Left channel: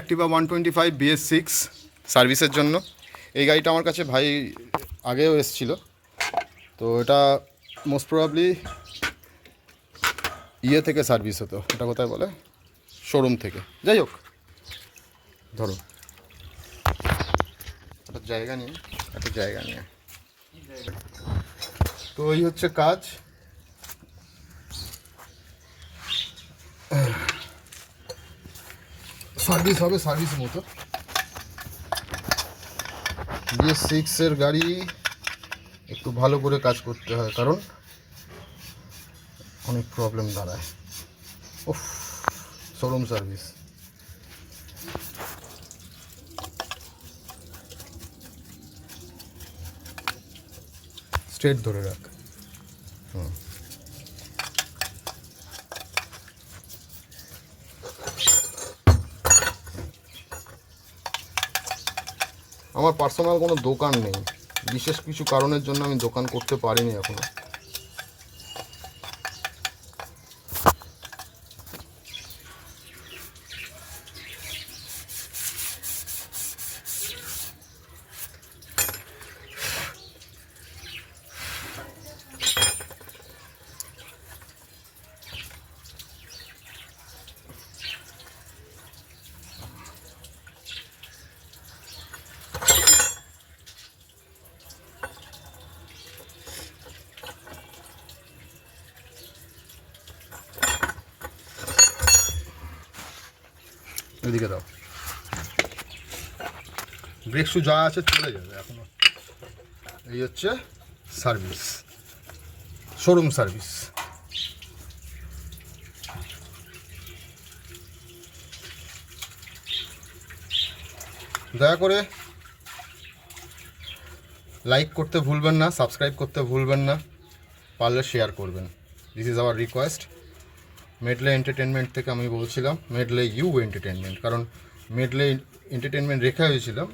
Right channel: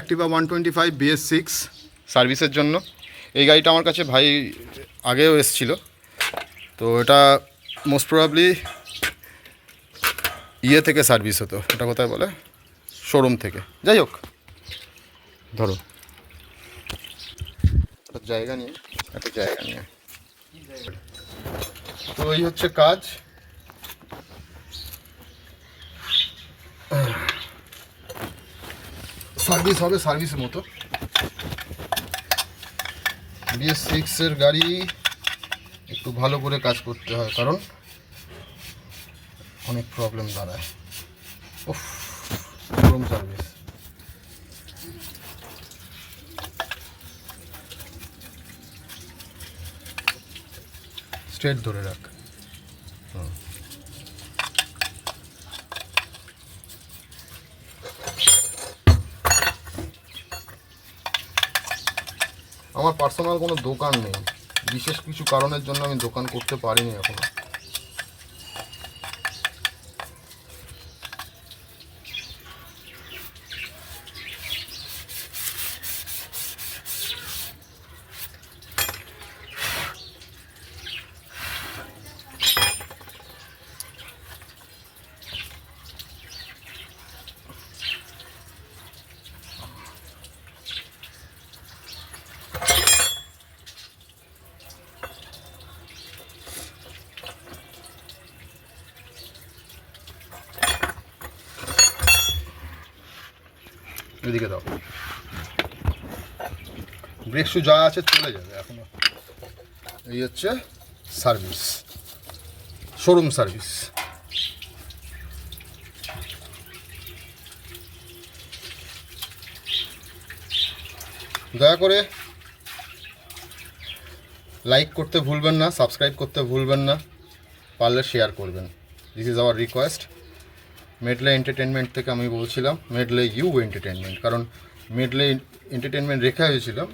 Activa 125 BS6 সার্ভিসের জন্য। এই গাড়িটা আমার কাছে ভাই আগেও এসেছিলো, তো এটা মোস্ট প্রবাবলি ইয়ে থেকে সার্ভিস হতো, এটা কোথায় বলে, শোরুম থেকে। যাই হোক, ধরো একটা জায়গা নিয়ে তো এই হচ্ছে কাজ। সার্ভিস হবে সার্ভিস মতো। BS6 এর গাড়ি একটু ভালো করে কাজ করতে হয়, কারণ অনেক প্রবলেম দাঁড়ায়। উফ, শোরুম সার্ভিস। স্ট্রেট ধরে রাখ। আমার পার্সোনাল কোনো দোকান নেই, বিশেষ কিছু কারণের জন্য আমি দোকান করতে পারিনি এখনো। এদিকে দাও, ব্রেক শু যা আছে চলে যাবে এখনো। এই হচ্ছে সার্ভিস, শোরুম সার্ভিস। দয়া করে লাইক করতে ভুলবেন না, সাবস্ক্রাইব করতে ভুলবেন না, পারলে শেয়ার করবেন। This is our request. Medley entertainment থেকে আমি বলছিলাম মেডলে ইউ এন্টারটেনমেন্ট, কারণ মেডলে এন্টারটেনমেন্ট রেখা হয়েছিলাম,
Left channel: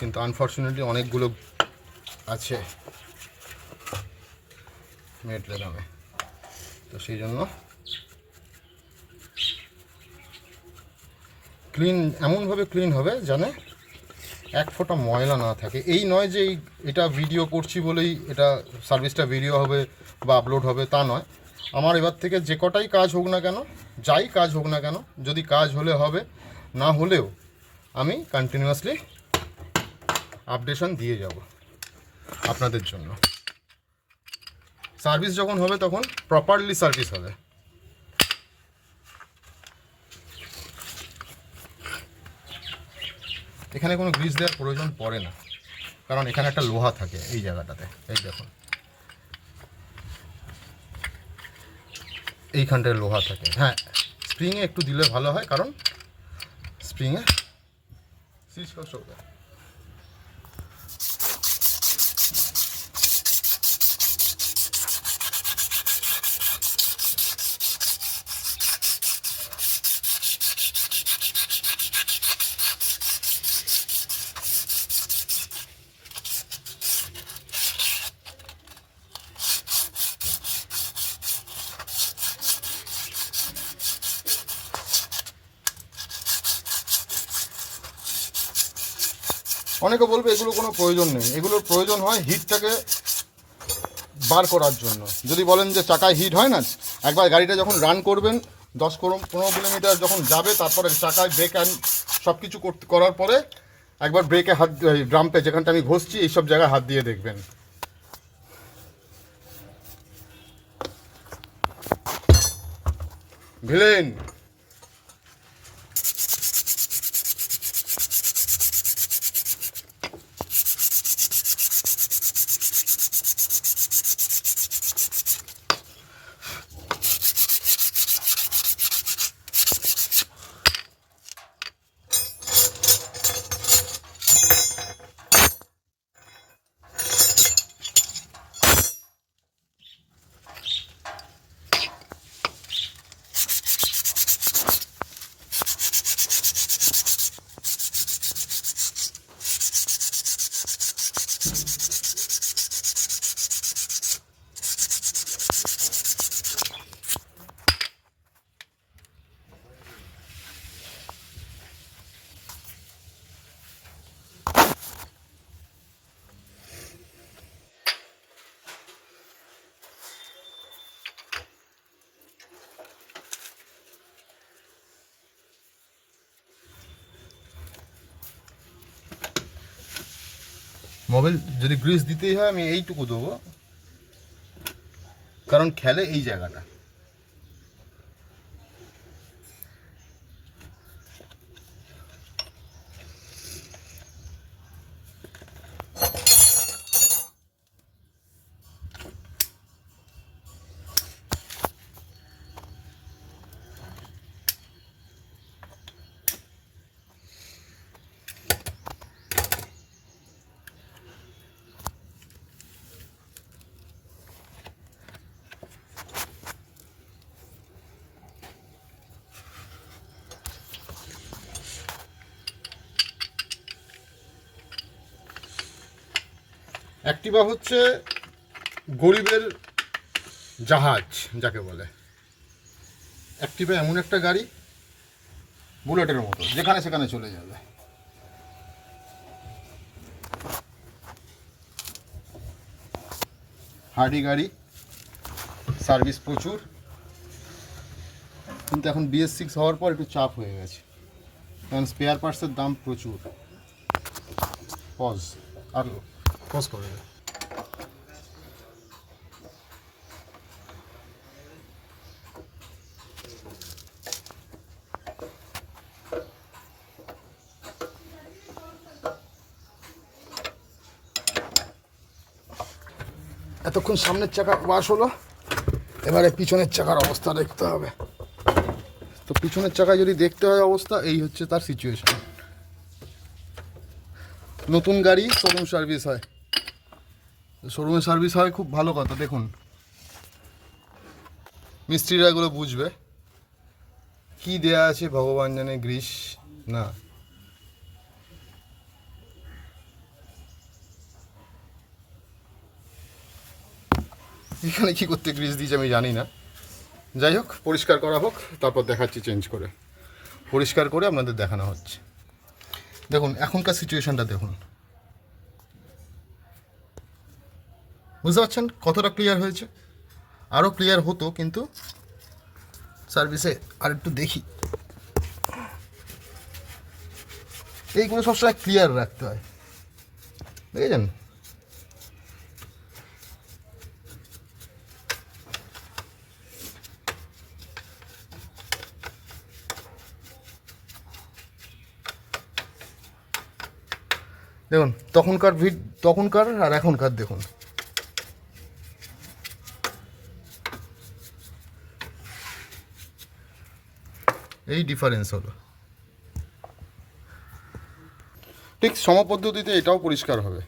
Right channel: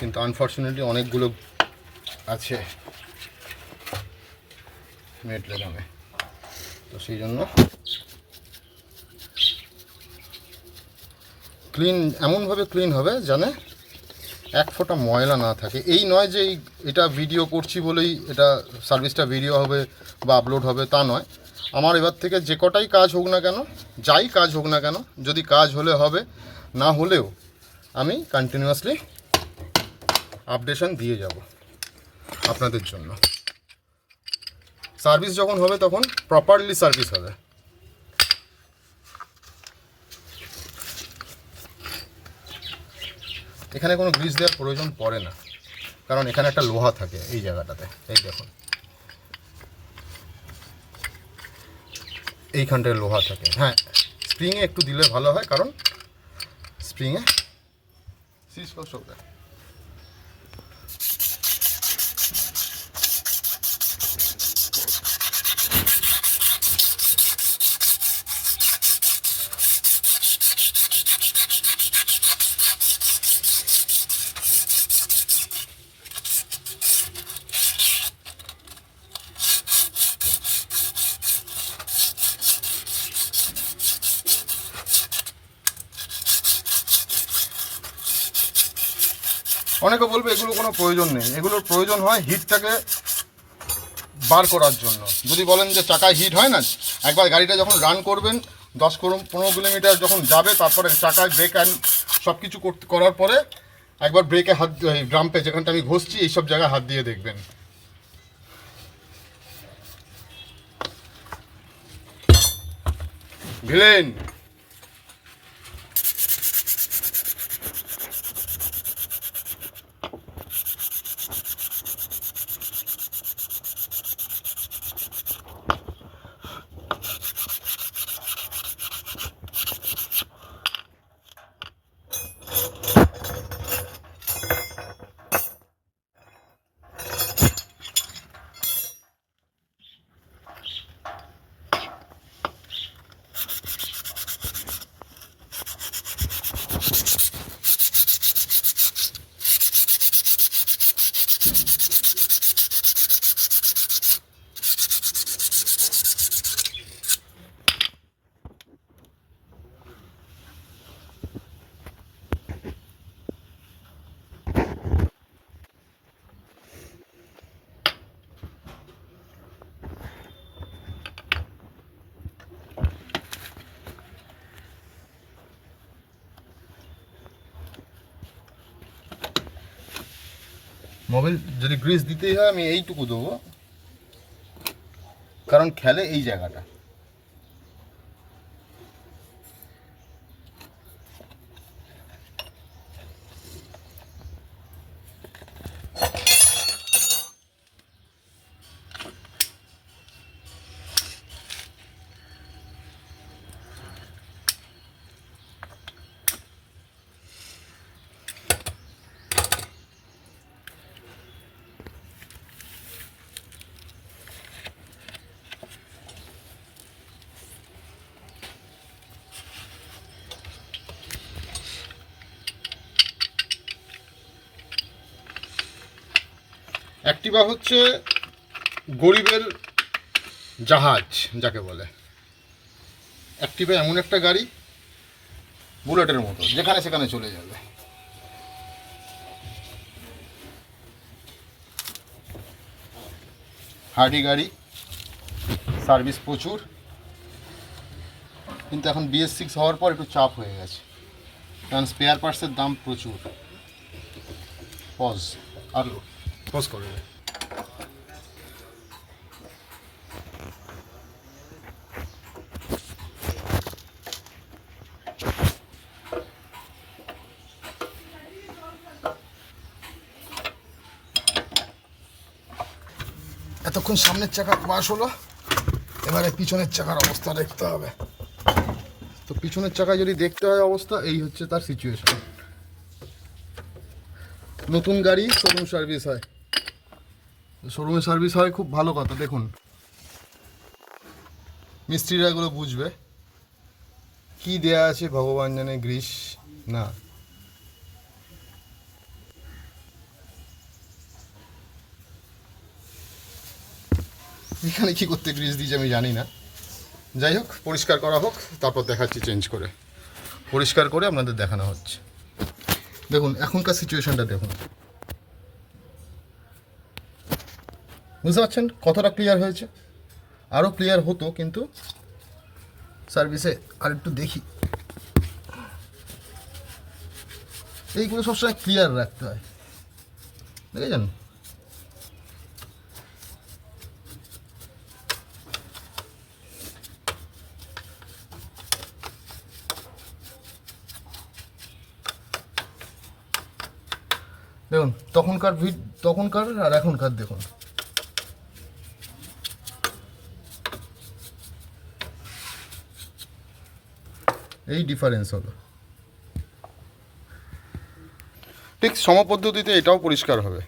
কিন্তু আনফর্চুনেটলি অনেকগুলো আছে মেডলে নামে, তো সেই জন্য ক্লিন, এমনভাবে ক্লিন হবে জানে এক ফোঁটা ময়লা না থাকে। এই নয় যে এটা ভিডিও করছি বলেই এটা সার্ভিসটা ভিডিও হবে বা আপলোড হবে, তা নয়। আমার এবার থেকে যে কটাই কাজ হোক না কেন, যাই কাজ হোক না কেন, যদি কাজ হলে হবে, না হলেও আমি কন্টিনিউয়াসলি আপডেশন দিয়ে যাব আপনাদের জন্য। সার্ভিস যখন হবে তখন প্রপারলি সার্ভিস হবে। এখানে কোনো গ্রিজ দেওয়ার প্রয়োজন পড়ে না, কারণ এখানে একটা লোহা থাকে এই জায়গাটাতে। এই দেখুন, এইখানটায় লোহা থাকে। হ্যাঁ, স্প্রিংয়ে একটু দিলে ভালো হয়, কারণ স্প্রিংয়ে সিজ কষ্ট হবে। অনেকে বলবে এগুলো কোনো প্রয়োজন নেই, এগুলোর প্রয়োজন হয় হিটটাকে বার করার জন্য। যদি বলেন যে চাকায় হিট হয় না, একবার গাড়িটা যখন রান করবেন 10-15 কিলোমিটার যখন যাবে, তারপরে চাকায় ব্রেক অ্যান্ড সব কিছু করার পরে একবার ব্রেকে হাত, ব্রাম্পে যেখানটা আমি ঘষছি এইসব জায়গায় হাত দিয়ে দেখবেন। ভিলেন মোবিল যদি গ্রিস দিতেই হয় আমি এইটুকু দেবো, কারণ খেলে এই জায়গাটা। অ্যাক্টিভা হচ্ছে গরিবের জাহাজ যাকে বলে। অ্যাক্টিভা এমন একটা গাড়ি বুলেটের মতো, যেখানে সেখানে চলে যাবে। হার্ডি গাড়ি, সার্ভিস প্রচুর, কিন্তু এখন BS6 হওয়ার পর একটু চাপ হয়ে গেছে, কারণ স্পেয়ার পার্টসের দাম প্রচুর। পজ আর পজ করে দেয়। এতক্ষণ সামনের চাকা পাশ হলো, এবারে পিছনের চাকার অবস্থা দেখতে হবে। তো পিছনের চাকায় যদি দেখতে হয় অবস্থা, এই হচ্ছে তার সিচুয়েশন। নতুন গাড়ি শোরুম সার্ভিস হয়, শোরুমে সার্ভিস হয়, খুব ভালো কথা। দেখুন মিস্ত্রিরা এগুলো বুঝবে, কি দেয়া আছে ভগবান জানে, গ্রিস না। এখানে কি করতে গ্রিস দিয়েছে আমি জানি না। যাই হোক, পরিষ্কার করা হোক, তারপর দেখাচ্ছি চেঞ্জ করে। পরিষ্কার করে আপনাদের দেখানো হচ্ছে। দেখুন এখনকার সিচুয়েশনটা দেখুন, বুঝতে পারছেন কতটা ক্লিয়ার হয়েছে। আরও ক্লিয়ার হতো, কিন্তু সার্ভিসে আর একটু দেখি। এইগুলো সবসময় ক্লিয়ার রাখতে হয়, দেখেছেন। দেখুন তখনকার আর এখনকার দেখুন, এই ডিফারেন্স হলো। ঠিক সমপদ্ধতিতে এটাও পরিষ্কার হবে,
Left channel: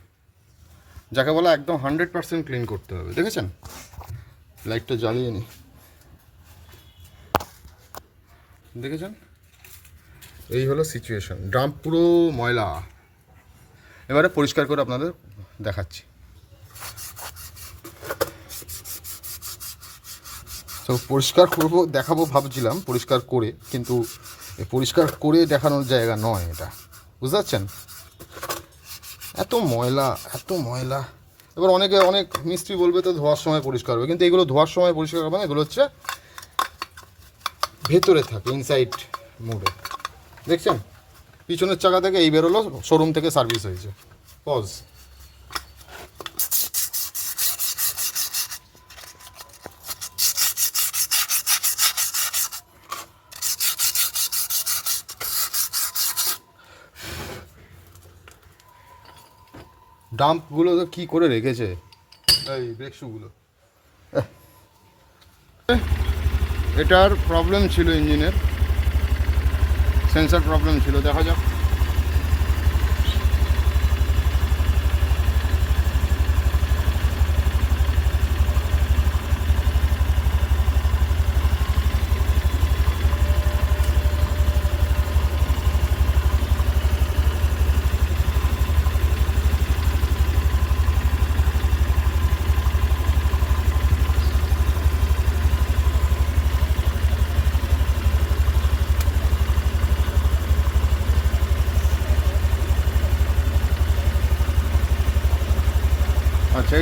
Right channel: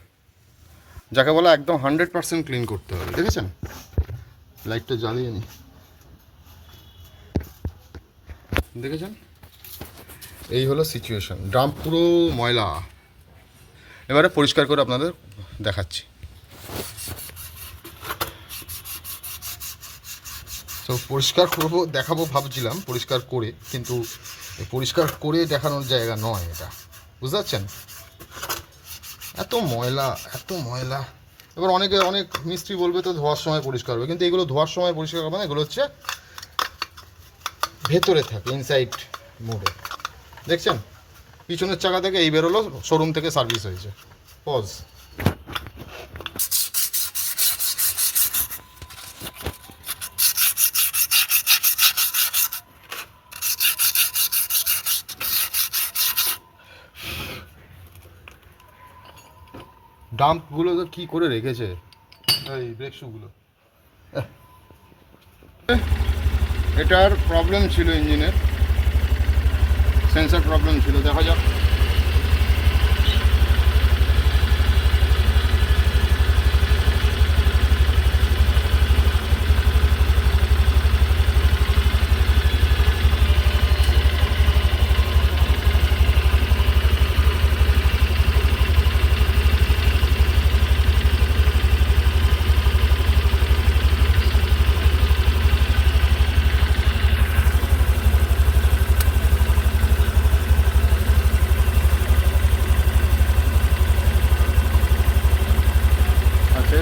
যাকে বলা একদম 100% ক্লিন করতে হবে। দেখেছেন, লাইটটা জ্বালিয়ে নি, দেখেছেন, এই হলো সিচুয়েশন। ড্রাম পুরো ময়লা। এবারে পরিষ্কার করে আপনাদের দেখাচ্ছি। তো পরিষ্কার করবো, দেখাবো ভাবছিলাম পরিষ্কার করে, কিন্তু পরিষ্কার করে দেখানোর জায়গা নয় এটা, বুঝতে পারছেন। এত ময়লা, এত ময়লা। এবার অনেক মিস্ত্রি বলবে তো ধোয়ার সময় পরিষ্কার হবে, কিন্তু এগুলো ধোয়ার সময় পরিষ্কার হবে না, এগুলো হচ্ছে ভেতরে থাকে, ইনসাইড মোডে। দেখছেন পিছনের চাকা থেকে এই বেরোলো, শোরুম থেকে সার্ভিস হয়েছে। পজ। ডাম্পগুলো তো কী করে রেখেছে, এই ব্রেক শুগুলো। এটার প্রবলেম ছিল, ইঞ্জিনের সেন্সর প্রবলেম ছিল, দেখা যাক।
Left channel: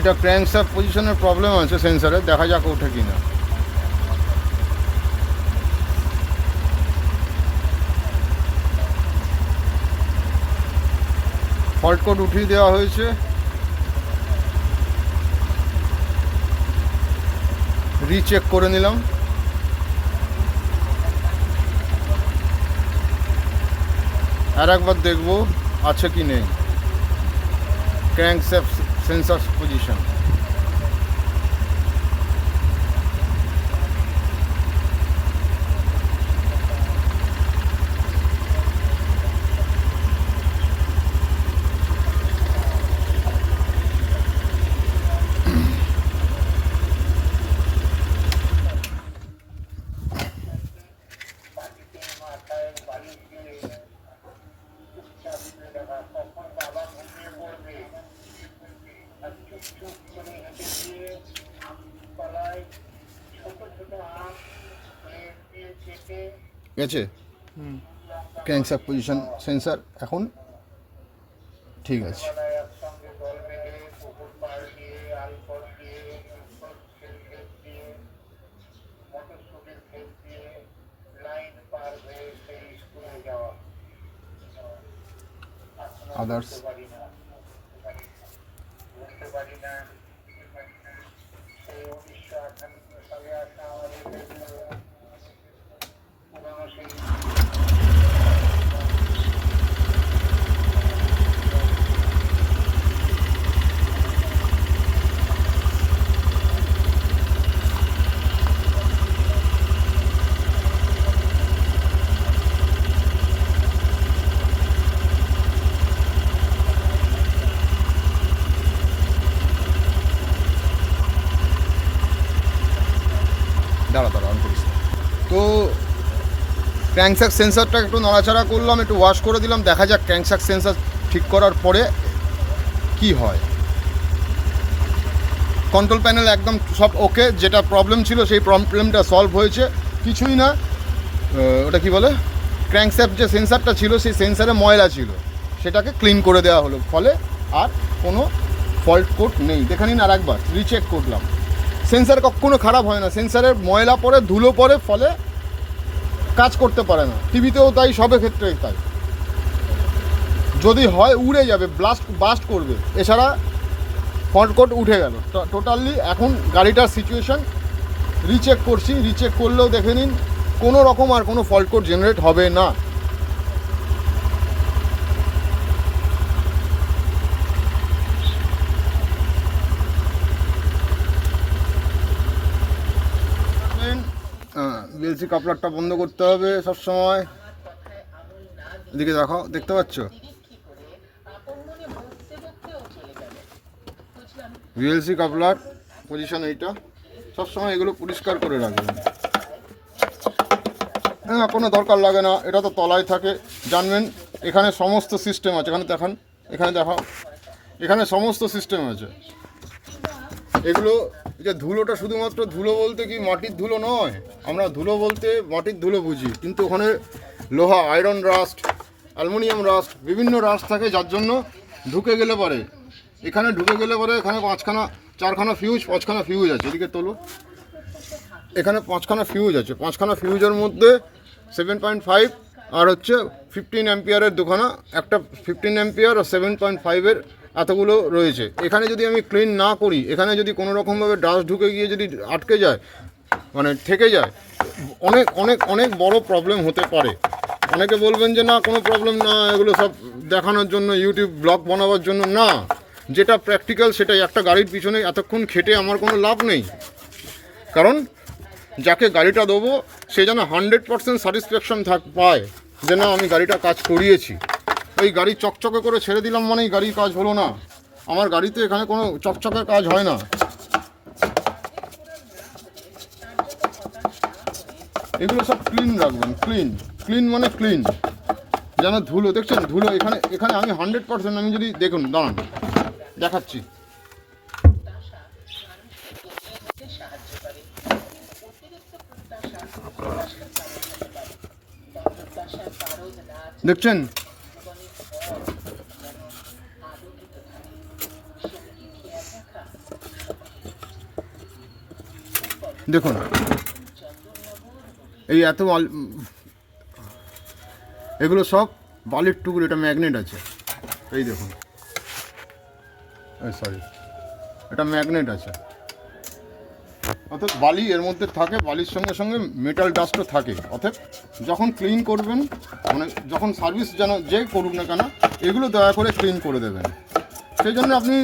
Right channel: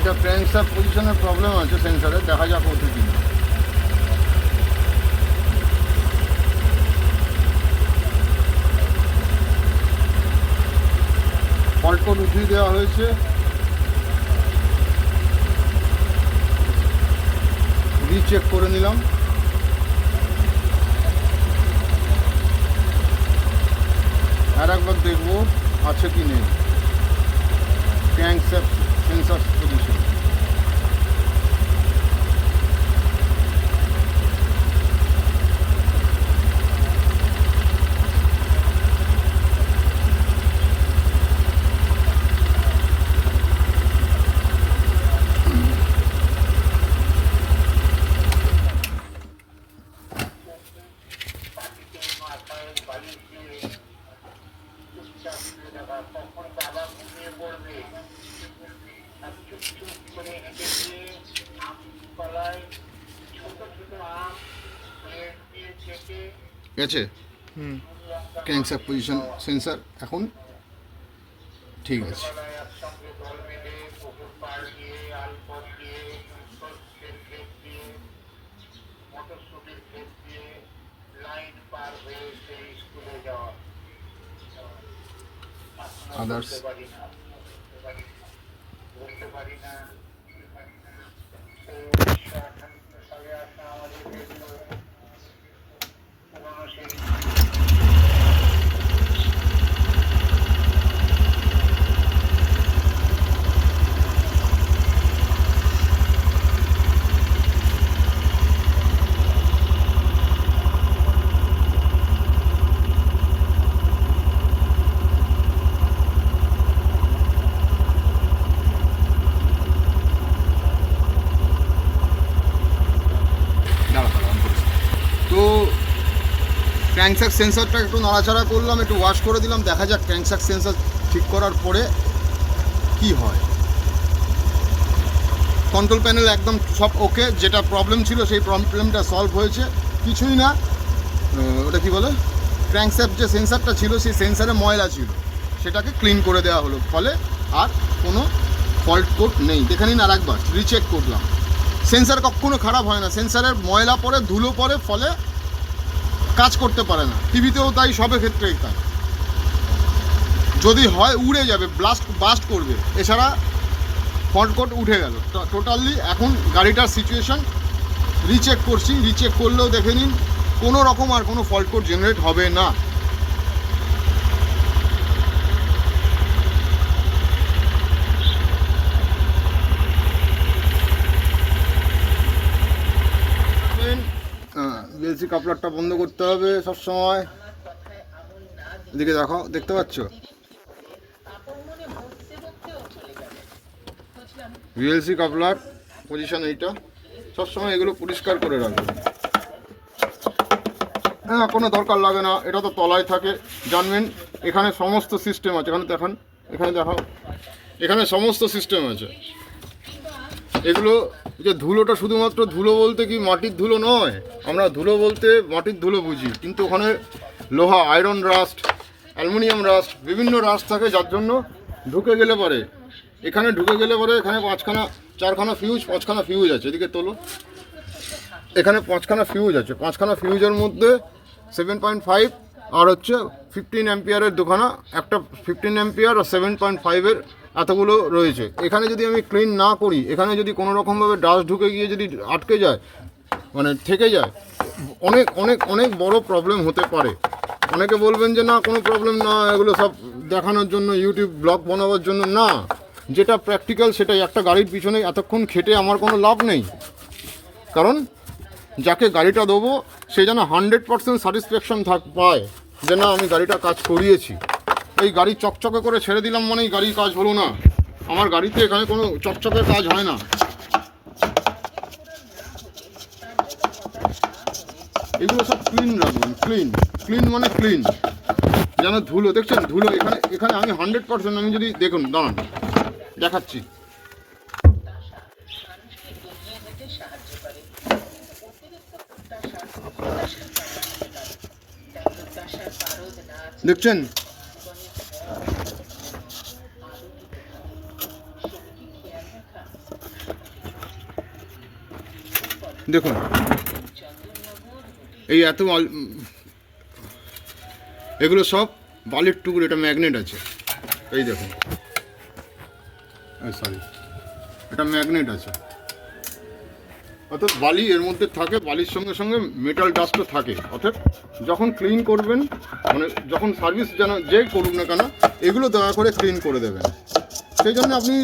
এটা ক্র্যাঙ্কশ্যাফট পজিশনের প্রবলেম আছে সেন্সারে, দেখা যাক ওঠে কিনা। ফল্ট কোড উঠিয়ে দেওয়া হয়েছে, রিচেক করে নিলাম। আর একবার দেখবো আছে কি নেই ক্র্যাঙ্কশ্যাফট সেন্সর পজিশন। গেছে ক্র্যাঙ্কশ্যাফট পজিশন সেন্সর এখন ঠিক আছে। আদার্স তো ক্র্যাঙ্কশ্যাফট সেন্সরটা একটু নড়াচড়া করলাম, একটু ওয়াশ করে দিলাম, দেখা যাক ক্র্যাঙ্কশ্যাফট সেন্সর ঠিক করার পরে কি হয়। কন্ট্রোল প্যানেল একদম সব ওকে, যেটা প্রবলেম ছিল সেই প্রবলেমটা সলভ হয়েছে। কিছুই না, ওটা কি বলে, ক্র্যাঙ্কশ্যাফট যে সেন্সরটা ছিল সেই সেন্সারে ময়লা ছিল, সেটাকে ক্লিন করে দেওয়া হলো, ফলে আর কোনো ফল্ট কোড নেই। দেখে নিন আর একবার রিচেক করলাম। সেন্সার কখনো খারাপ হয় না, সেন্সারের ময়লা পড়ে ধুলো পড়ে, ফলে কাজ করতে পারে না। টিভিতেও তাই, সব ক্ষেত্রেই তাই। যদি হয় উড়ে যাবে, বাস্ট করবে, এছাড়া ফল্ট কোড উঠে গেল টোটালি। এখন গাড়িটার সিচুয়েশন রিচেক করছি, রিচেক করলেও দেখে নিন কোনো রকম আর কোনো ফল্ট কোড জেনারেট হবে না। বিএলসি কাপলারটা বন্ধ করতে হবে সবসময়। এদিকে দেখো, দেখতে পাচ্ছ বিএলসি কাপলার পজিশন এইটা, সবসময় এগুলো পরিষ্কার করে রাখবেন। হ্যাঁ, কোনো দরকার লাগে না, এটা তো তলায় থাকে, জানবেন। এখানে সমস্ত সিস্টেম আছে, এখানে দেখাও, এখানে সমস্ত সিস্টেম আছে। এগুলো যে ধুলোটা শুধুমাত্র ধুলো বলতে কি মাটির ধুলো নয়, আমরা ধুলো বলতে মাটির ধুলো বুঝি, কিন্তু ওখানে লোহা, আয়রন রাস্ট, অ্যালুমিনিয়াম রাস্ট, বিভিন্ন রাস্ট থাকে, যার জন্য ঢুকে গেলে পরে এখানে চারখানা ফিউজ, 5খানা ফিউজ আছে। এদিকে তোলো, এখানে 5খানা ফিউজ আছে। 5খানা ফিউজের মধ্যে 7.5 আর হচ্ছে 15 অ্যাম্পিয়ারের দুখানা, একটা 15 অ্যাম্পিয়ার আর 7.5-এর এতগুলো রয়েছে। এখানে যদি আমি ক্লিন না করি, এখানে যদি কোনো রকমভাবে ডাস্ট ঢুকে গিয়ে যদি আটকে যায়, মানে থেকে যায়, অনেক অনেক অনেক বড় প্রবলেম হতে পারে। অনেকে বলবেন যে না কোনো প্রবলেম না, এগুলো সব দেখানোর জন্য, ইউটিউব ব্লগ বানাবার জন্য। না, যেটা প্র্যাকটিক্যাল সেটাই। একটা গাড়ির পিছনে এতক্ষণ খেটে আমার কোনো লাভ নেই, কারণ যাকে গাড়িটা দেবো সে যেন 100% স্যাটিসফ্যাকশন পায় যে না আমি গাড়িটা কাজ করিয়েছি। এই গাড়ি চকচকে করে ছেড়ে দিলাম মানেই গাড়ির কাজ হলো না। আমার গাড়িতে এখানে কোনো চকচকের কাজ হয় না। এগুলো সব ক্লিন রাখবেন, ক্লিন মানে ক্লিন। যেন ধুলো, দেখছেন ধুলো, এখানে আমি 100%, আমি যদি দেখুন, দাঁড়ান দেখাচ্ছি। দেখছেন, দেখুন এই এত এগুলো সব বালির টুকরো। এটা ম্যাগনেট আছে, এই দেখুন, সরি, এটা ম্যাগনেট আছে, অর্থাৎ বালি এর মধ্যে থাকে, বালির সঙ্গে সঙ্গে মেটাল ডাস্টও থাকে। অর্থাৎ যখন ক্লিন করবেন, মানে যখন সার্ভিস যেই করুক না কেন, এগুলো দয়া করে ক্লিন করে দেবেন। সেই জন্য আপনি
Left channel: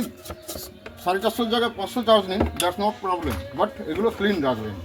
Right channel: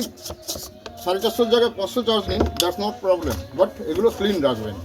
450 জায়গায় 500 চার্জ নিন, দ্যাটস নট প্রবলেম, বাট এগুলো ক্লিন রাখবেন।